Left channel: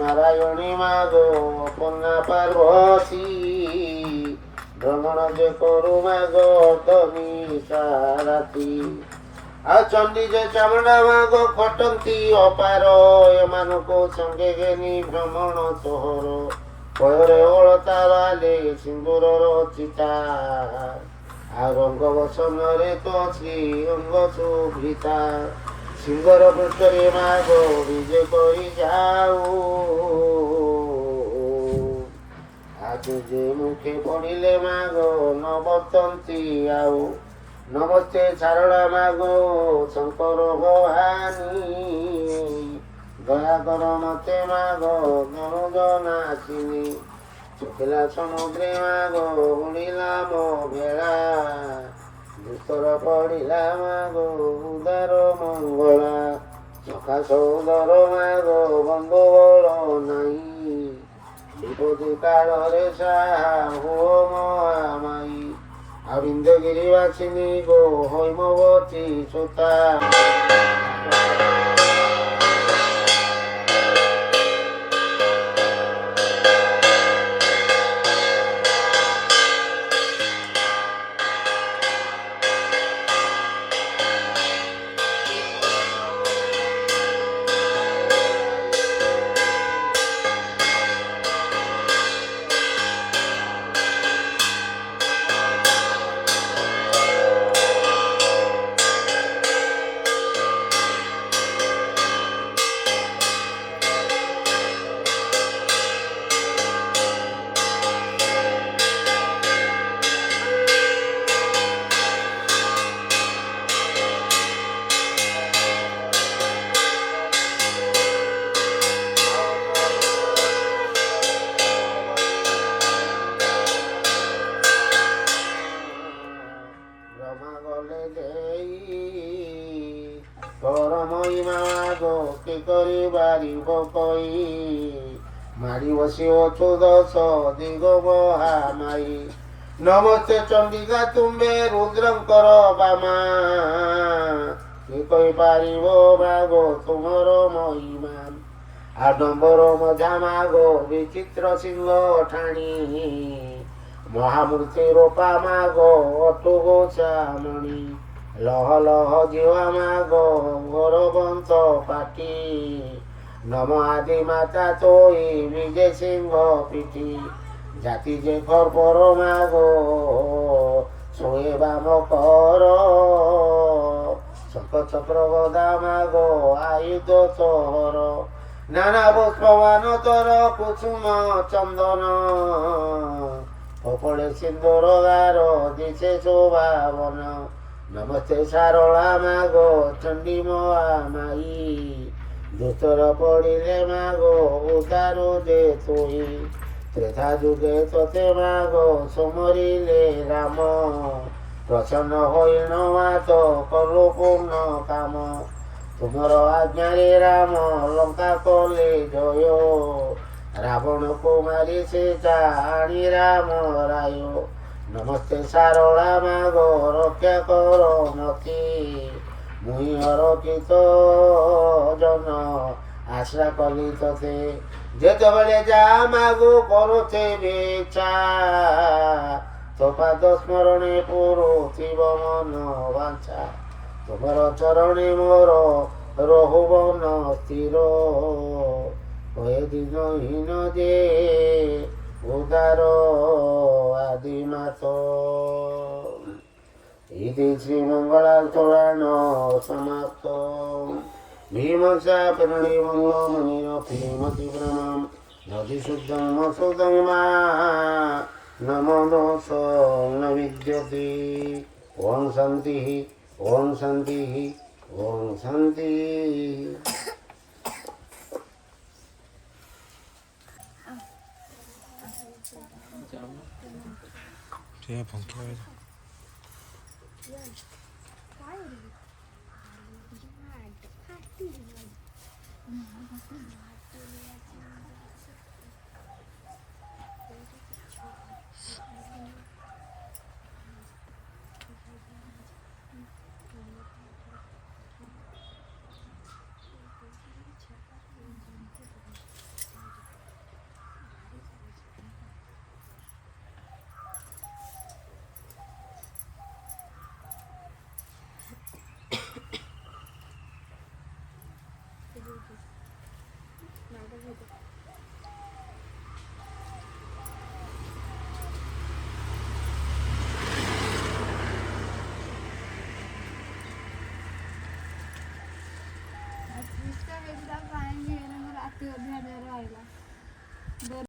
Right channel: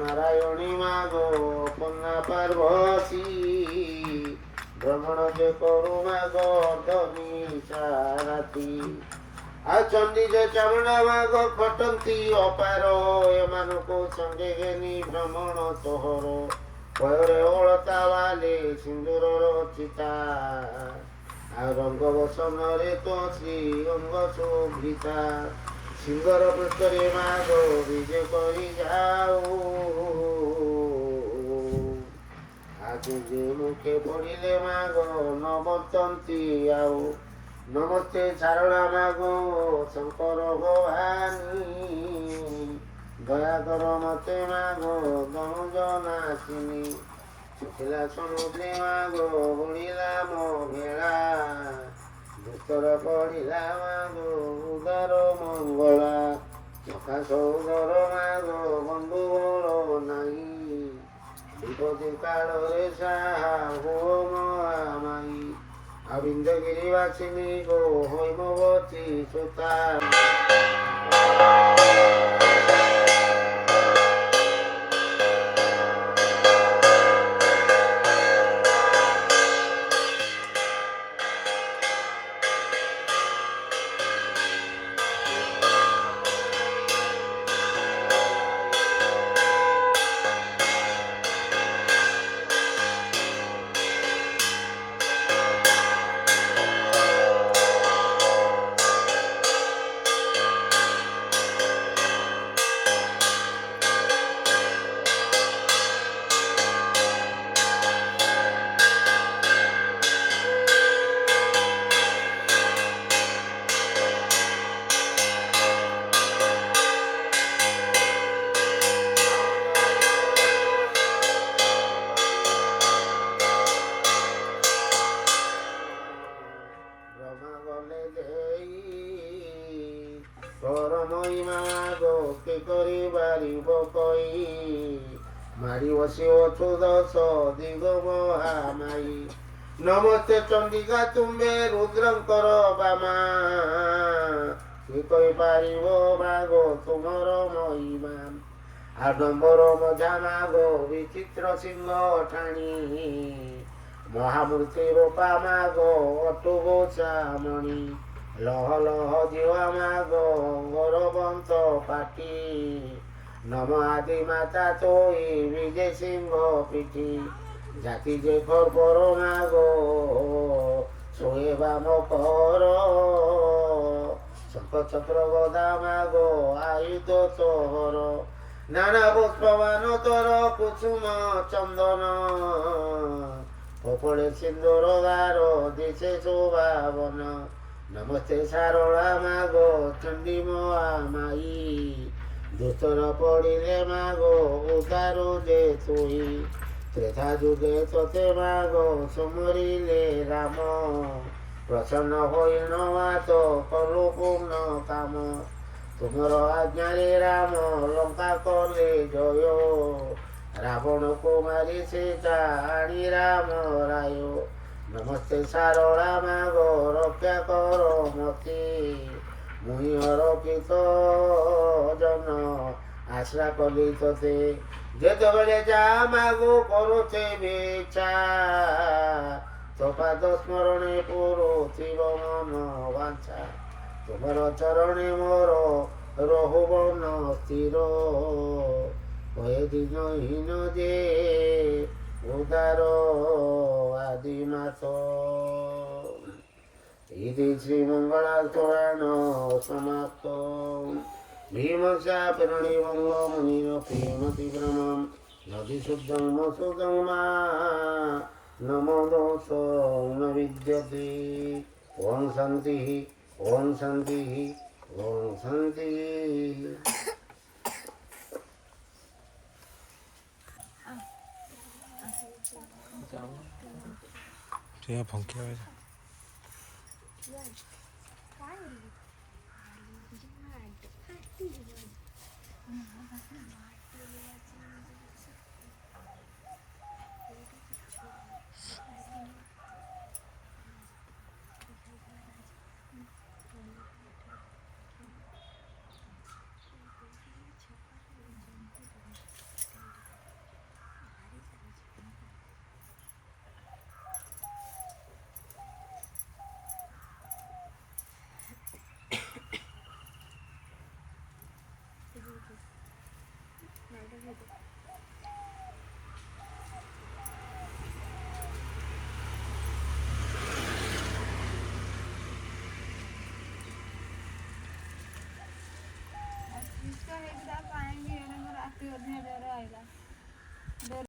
নারায়ণী মাগো কন্যা পার্বতী ভ্রমণ যে করু মাগো ধনী সারাতি ଆଉ ଚଣ୍ଡୀ ଯେ ଚାମୁଣ୍ଡା ମାଗ ଖଟନ୍ତି ଅପାର ଏମାନଙ୍କୁ ସଙ୍ଗେ ଘେନି ଭ୍ରମଣ ତୋହର ପୟରେ ଅଳତା ବାଲେ ସିନ୍ଦୁରର ଚିତା ଆଉ ରଙ୍ଗ ବସନରେ ତ ଶ୍ରୀ ଅଙ୍ଗ ଶୁଭିତା ସିଙ୍ଗର ପୃଷ୍ଠରେ ମାଗ ବିଜେ କରି ଯାଉ ଆଗେ ଯେ ମୁଖେ ପଡ଼ିଲେ ମାଗ ନବତନ୍ତି ଆଉ ନମସ୍ତେ ସାରଳା ମାଗୋ ଶଙ୍କର ଭବାନୀ ଦୟା କର ମତେ ମାଗ ଗଣୁଜ ନାଚିନି ଚୁକିଲା ସମୁଦ୍ରେ ମାଗ ଉଡ଼ିଲା ମୋ ଭେଳା ଭିତର ପଡ଼ିଲା ମାଗ ଉଦାର ମଙ୍ଗଳା ସକାଶ ଉଦର ମାଗ ବନ୍ଧୁ ବଳ ନାହିଁ ବିପଦ କାଳରେ ସାହା ହୁଅ ମୋ ମାଇ আবৃন্দগিরি বাসিনী গো হৈমবতী সুতা ତୋର ମହିମା ଗো কে କରି ବାରିବ କଇ ମାରି ବସିଅଛୁ ଦଶ ଦିଗ ମହାମାଇ ନମସ୍ତେ ଚଣ୍ଡିକା ତୁମ୍ବେ ରୁଦ୍ରଙ୍କର ବାମା କି କହିପାରିବ ମାଗ ତୁମର ମହିମା ଆଡମ୍ବର ମଝା ମାଗ ବିଚିତ୍ର ସିଂହ ଠାଣି ମହାମୂର୍ତ୍ତି ରୂପା ମାଗ ଅଟୁଗୋ ଚାମଣି লহ লহ জিওয়া মাগ গৌরবন্ত পাটি নম আদি মাতা তোই বিজে সিংহ পিঠি জাতি যে ঘর পর মাগ শোয়ে বাম কর শঙ্খ চক্র গদা মাগ আয়ুধ তোহর নানা পুষ্পবান তোর কুসুম চন্দন কপড়ে সিন্দুর গার দিশে শোভাবন নমস্তে সারଳା মাগ চণ্ডী মহামাই দোষর পড়িলে মাগ উদারো যে তুই ত্রেতা যুগে তোতে মাগ সমরিলে রাম প্রসন্ন হইল মাত কলু পূর্ণ কাম ତୁମର ଆଜ୍ଞାରେ ରାମ ଲଙ୍କା କଲେ ଜୟ ରାବଣକୁ ମାରି ସେ ଜାଣି ରାମ ରାୟ ନମସ୍ତେ ସାରଳା ମାଗ ରକ୍ଷା କର ମତି ମୁଇଁ ଅରକ୍ଷିତ ଜନ ଆଶ୍ରା କଲି ତତେ ଯେତେବେଳେ ଯା ମାଗୁ କରୁଛେ ବିଛା ତୋ ପାଦ ସ୍ମରଣେ ପୁରୁଥିବ ମନ ବାଞ୍ଛା ତୁମର ଚରଣେ ମୋର ରହୁବନ ସ୍ଥିର ହଏ ଦିନହୀନ ଯେ ଉଦାର ଆଦିମାତ ଇତି ଶ୍ରୀମଙ୍ଗଳା ପୁରାଣ ସମାପ୍ତ ଭୀମସା ପରିଣିବଙ୍ଗ ମୁନିର ପ୍ରେମତି ବ୍ରହ୍ମଂ ନଦୀ ଶୁଦ୍ଧଂ ମସୁଦଂ ମା ନମ ଦୋଷ ନ ବିଦ୍ୟତେ ଓಂ ଶାନ୍ତି ଓಂ ଶାନ୍ତି ଓಂ ଶାନ୍ତି 제가 번개하자. एकदा पाणी गेलं मग रात्री 10 आईला